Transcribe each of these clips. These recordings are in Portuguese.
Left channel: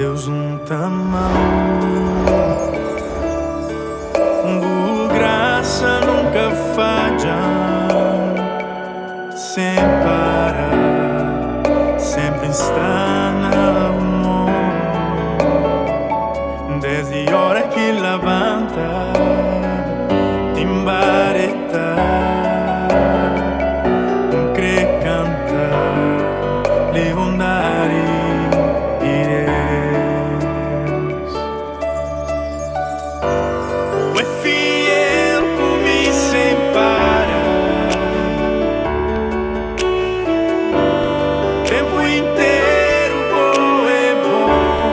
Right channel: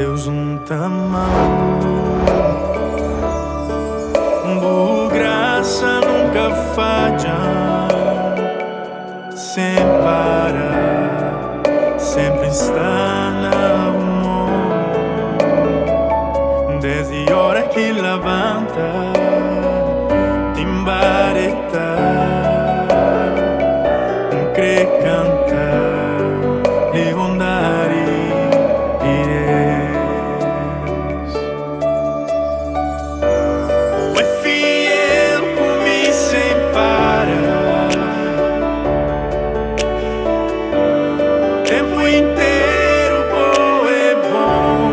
Deus tá mal. Boa graça nunca falha, sem parar, sempre está na mão. Desde a hora que levanta, timbareta, crê cantar, lhe bondade Deus. O é fiel comigo sem parar, tempo inteiro bom é bom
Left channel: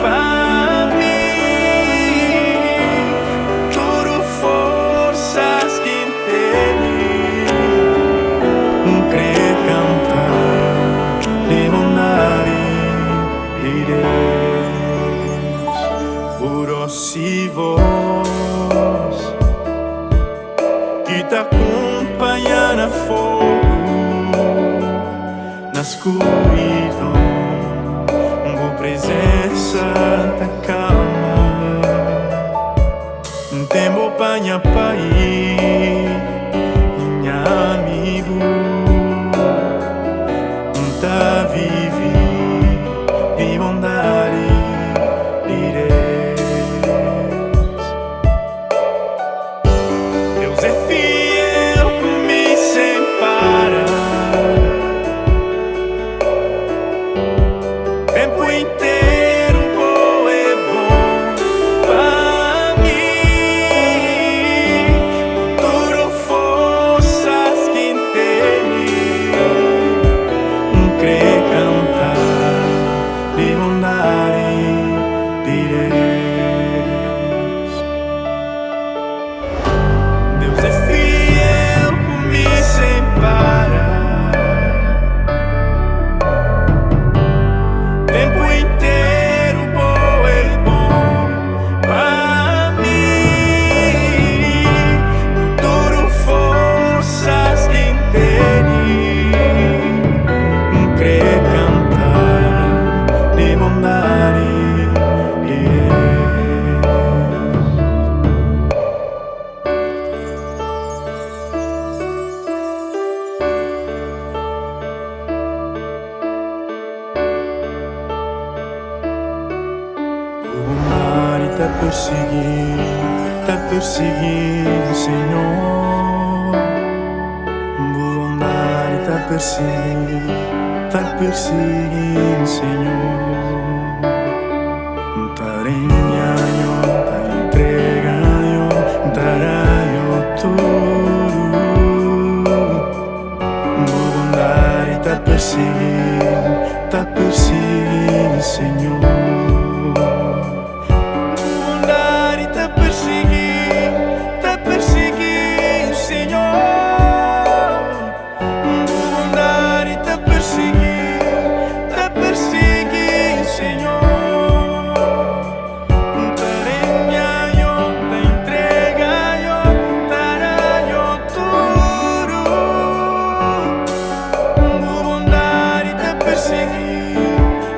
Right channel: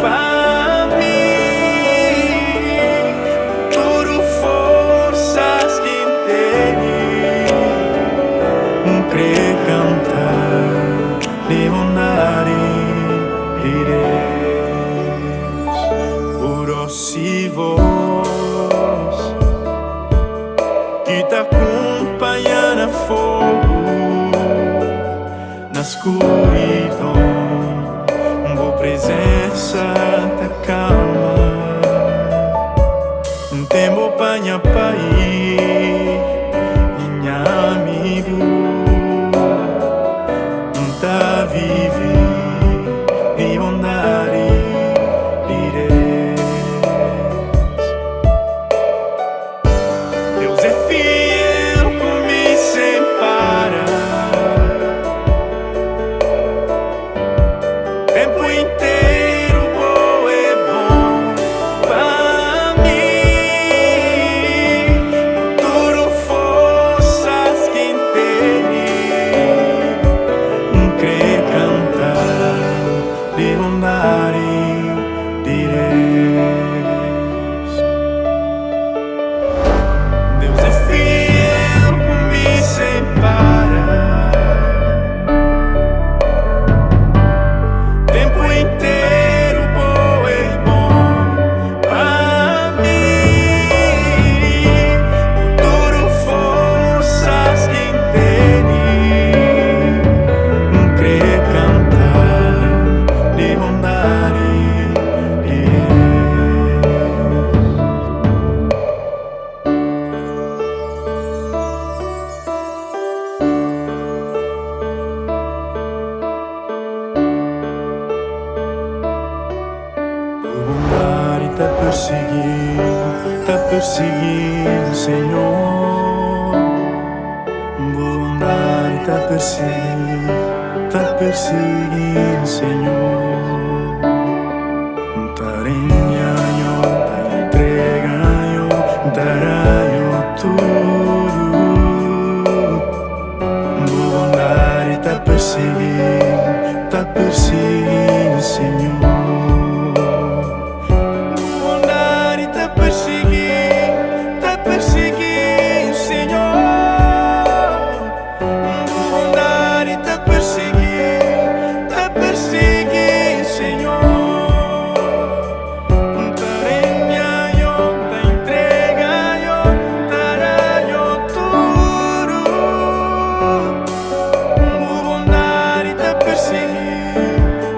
para mim. Tudo forças que tenho, crê cantar, lhe bondade Deus. Por si voz que te acompanha na fogo, na escuridão, boa presença te calma. Tempo panha pai, minha amigo, tá vive de bondade de Deus. Deus é fiel comigo sem parar, tempo inteiro bom é bom para mim. Tudo forças que tenho, crê cantar de bondade de Deus. Deus é fiel comigo sem parar, tempo inteiro bom é bom para mim. Tudo forças que tenho, crê cantar de bondade de Deus. Tua bondade tá perseguindo, Senhor. Boa bondade tá perseguindo, Senhor. Tarenhayo, ta entregayo, tarayo tudo. Boa bondade tá perseguindo, Senhor. Boa bondade tá perseguindo, Senhor. Boa bondade tá perseguindo, Senhor.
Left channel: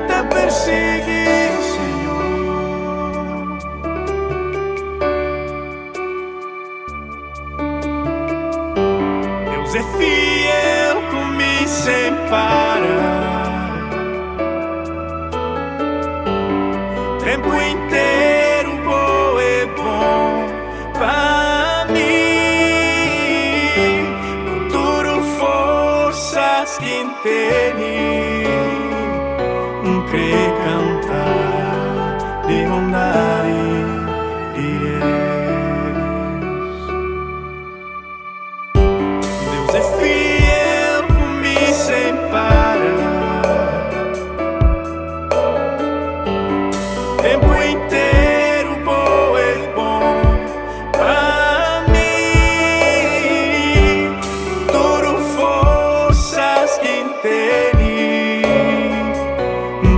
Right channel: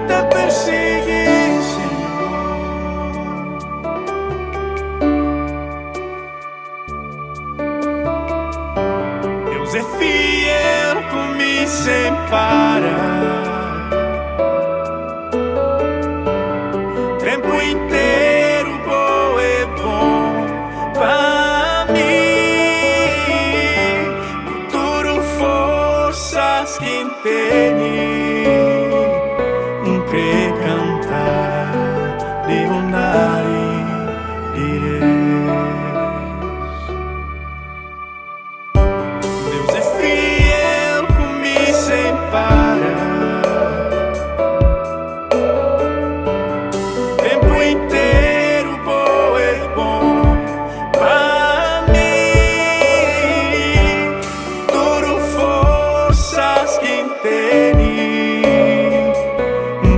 Tá perseguindo, Senhor. Deus é fiel comigo sem parar, tempo inteiro bom é bom para mim. Com tudo forças que tenho, crê cantar de bondade de Deus. Deus é fiel comigo sem parar, tempo inteiro bom é bom para mim. Tudo forças que tenho,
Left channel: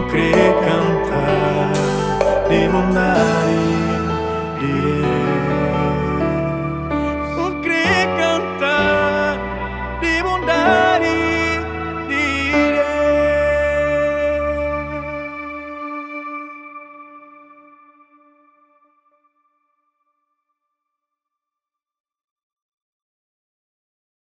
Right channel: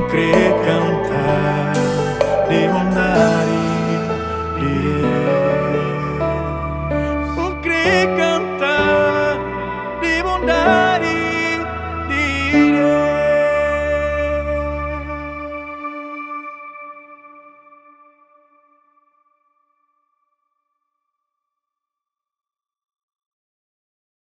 crê cantar de bondade de Deus.